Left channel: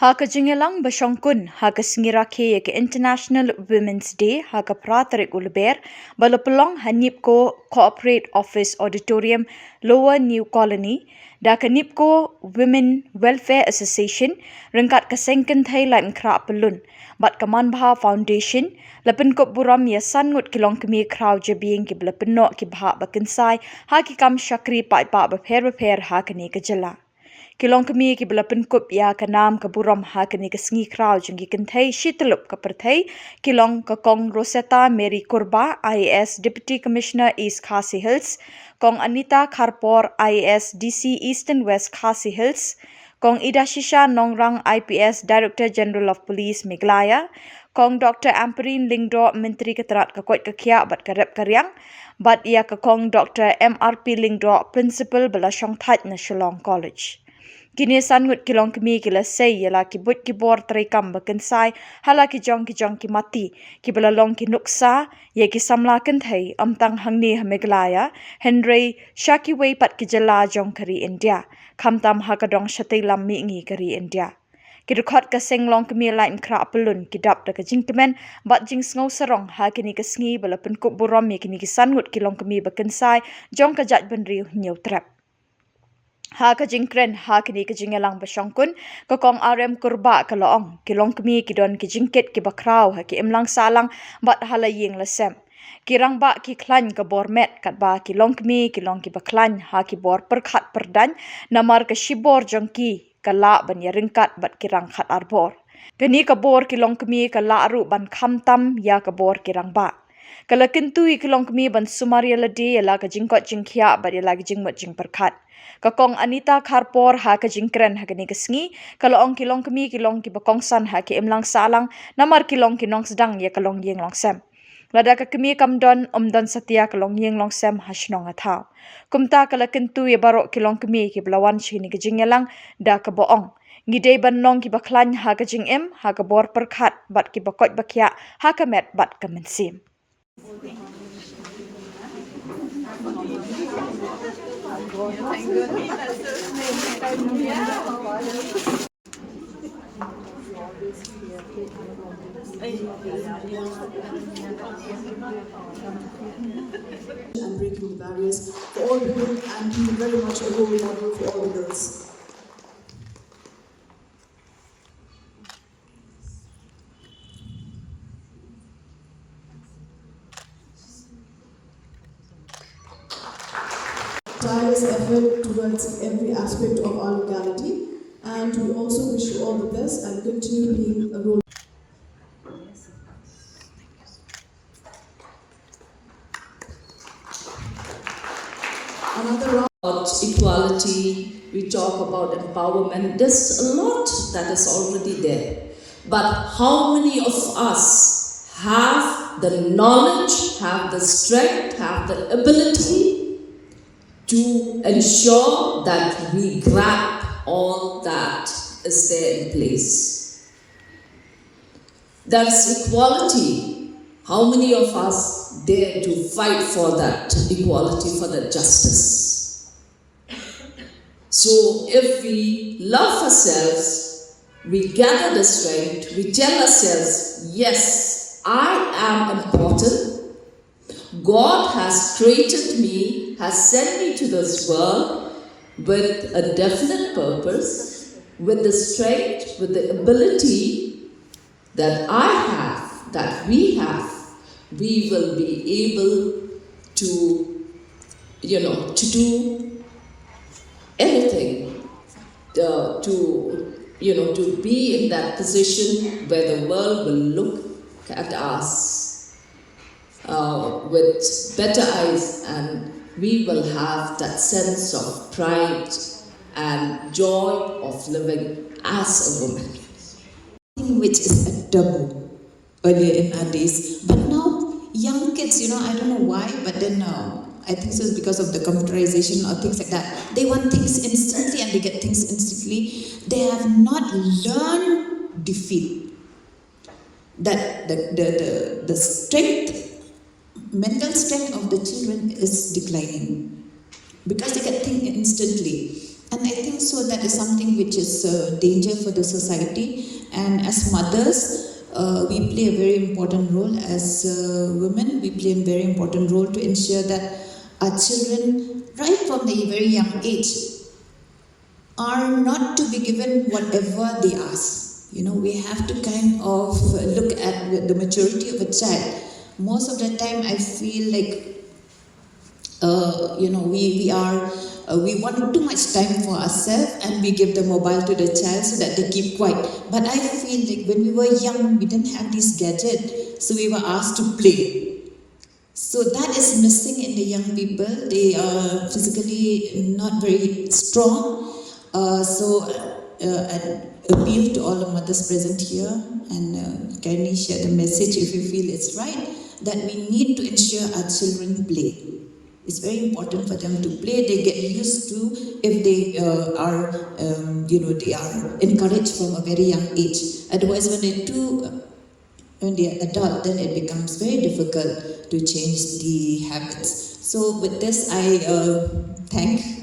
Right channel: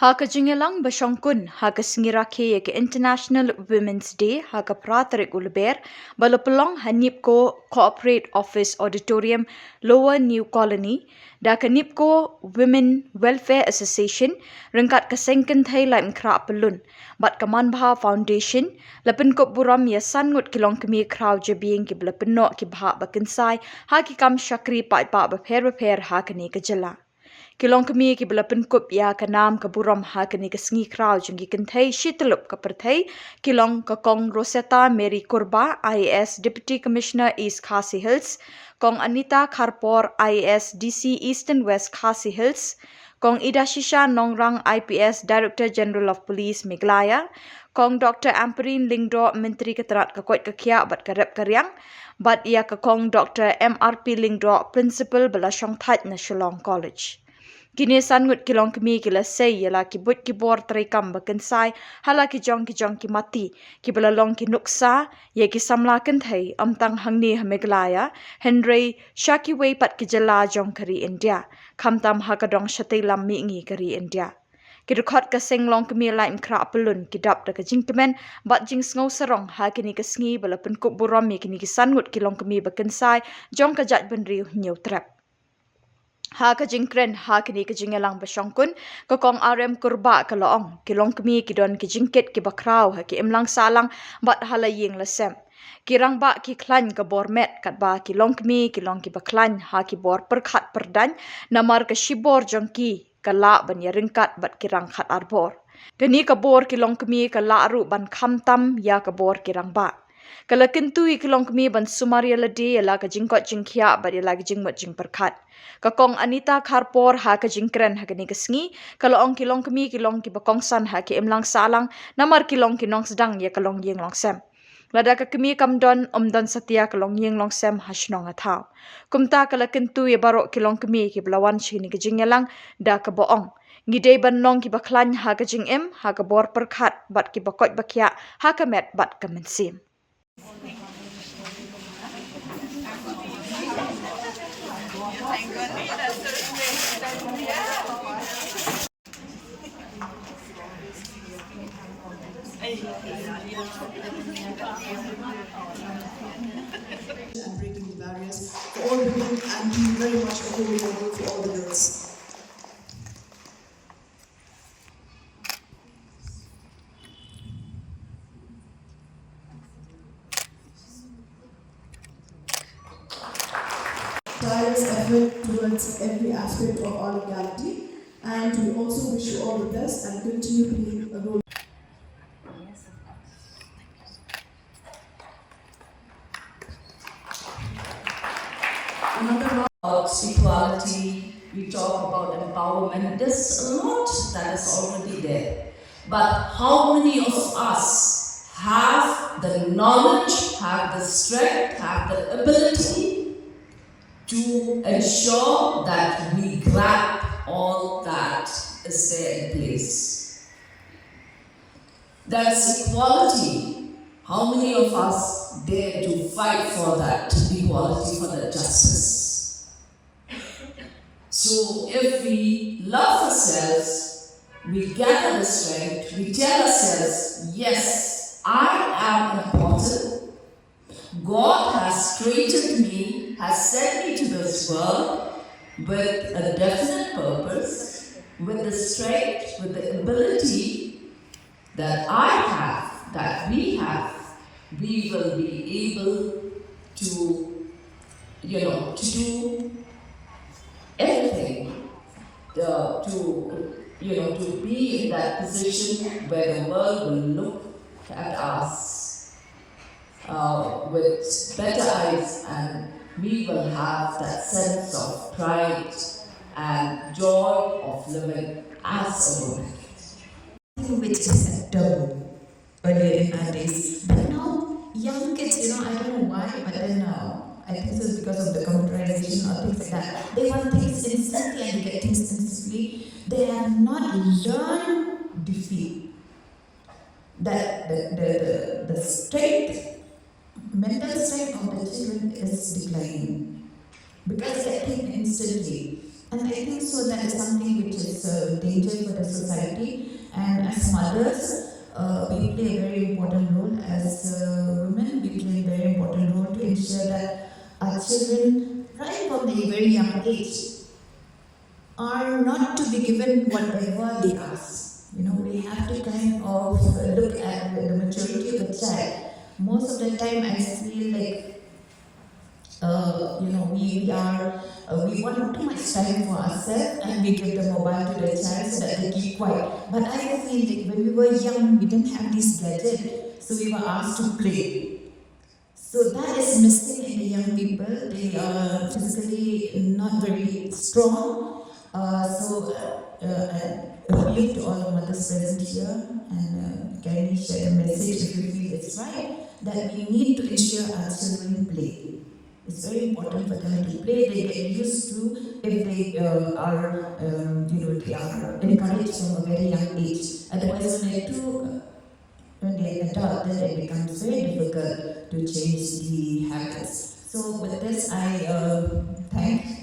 Haka jingelang basyongkun haka singirake ke International Women's Day haka pratarik ulber balapelong hanipko Corporate Office Auditorium Lower New Colony da kanipko Women Welfare Association rengkat kaseng Kynthei laim Khraw pelun bat kamanbha Foundation Pynkup Burom yasan Ngut kilong kemi Khraw Jabieng ki belapenok ki bha bakensai haki kam syakri pa beper haka ni kejela Kilong kemi ki bela Pynkup ya kanam ke Burom ha kini ke sengi Khraw jengki Kynthei shitelup ke Perthei kilong ke Kong Rosetta Mary Kurba IAS Deputy Commissioner East Khasi Hills Kong Anita Kharpor IAS DC Eastern West Khasi Hills Kong Ida Shisha Nongrang IPS Director General of Police Meghalaya Kong Dr. Amperin Lingdo Menteri Keterat Kekuat Kekia bat karep karyang bat ia ke Kong Dr. MRP Lingdo Principal bela Shongthat na Shillong College Kini sangut kilong kemi kila say yala ki but ki bor terekam bakensai hala ki jong ki mati ki belalong ki nuksa ye ki Samla Kynthei amtang hangni Meghalaya Henry Shaki wei pat ki jela jong kari India kamtam hakadong shatai lam mi ngi kari India ki rekhot ka senglong kemi laim Khraw pelun ki dap da ka jingkemen bat jing sngo sarong ha kini ka sngi bala Pynkup Burom ye kini ki sangut kilong kemi bakensai jong ka jat benri nyau trap Ha ka jingkren ha kini ka jingelang basyongkun ka Kong RM Kurba ka loong kilong kemi ki don ki jingket ki bakraw ha ki imlang salang bat halaying lasem kirang ba ki klan ka bormet kat ba kilong kemi kilong ki baklan ha ki bor perkhat perdan namar ka shibor jongki ka la ban ya ringkat bat kirang khat arbor kini ka bor kilong kemi ka la ru ban khamtam ya ka bor kirang ba kala Kynthei kilong kemi ban sumaria ladi la ka jingkot jingkhia bat ya lagi jingmot jing perkhat Kakong Anita Kharpor ha ka jingkren ha kini kesngi kalau ong kilong kemi kilong ki bakongsan ha ki imlang salang namar kilong kinong sedang ya kalong yeng long sem lada ka kemi kamdon setia kalong yeng long sem hasnong athau kumta kala Kynthei barok kilong kemi ki belawan chini ki jingelang da ka boong ngidei banong ki baklan ha ka jingem ha ka bor perkhat bat ki bakot bakya ha ka met bat ka mensim And breaking the barriers for all the women and doing very much a role model for all the girls. Tireless effort towards every aspect of our legality, and we also wish you all the best and continue being a role. About equality, we talk about empowerment. There's a lot that is already there. But how many of us have the knowledge, have the strength, have the ability to ensure that we grab all that is there in place? There's equality. How many of us dare to fight for that equality, for that justice? So if we love ourselves, we gather the strength, we tell ourselves, yes, I am important. God has created me, has sent me to this world with a definite purpose, with the strength, with the ability that I have, that we have. We will be able to, to do anything, to be in that position where the world will look at us with better eyes, and we will have that sense of pride and joy of living as a woman. Which is a taboo earlier in our days, but now young kids, I don't know why, but then I think so it's because of the computerization or things like that. They want things instantly and they get things instantly. They have not learned defeat. That the strength, mental strength of the children is declining because they get things instantly. And And I think so that is something which is a danger for the society. And as mothers, we play a very important role. As women, we play a very important role to ensure that our children, right from the very young age, are not to be given whatever they ask. You know, we have to kind of look at the maturity of a child. Most of the time, I feel like we want too much time for ourselves, and we give the mobile to the child so that they keep quiet. But I feel like when we were young, we didn't have this gadget, so we were asked to play. So that is missing in the young people. They are physically not very strong. I appeal to all the mothers present here, and kindly share the message if you feel it's right, that we need to ensure our children play. It's very important for them to play. They get used to, if they are encouraged from a very young age. Otherwise, when they are adult, then it becomes very difficult to change the habits. So with this, I thank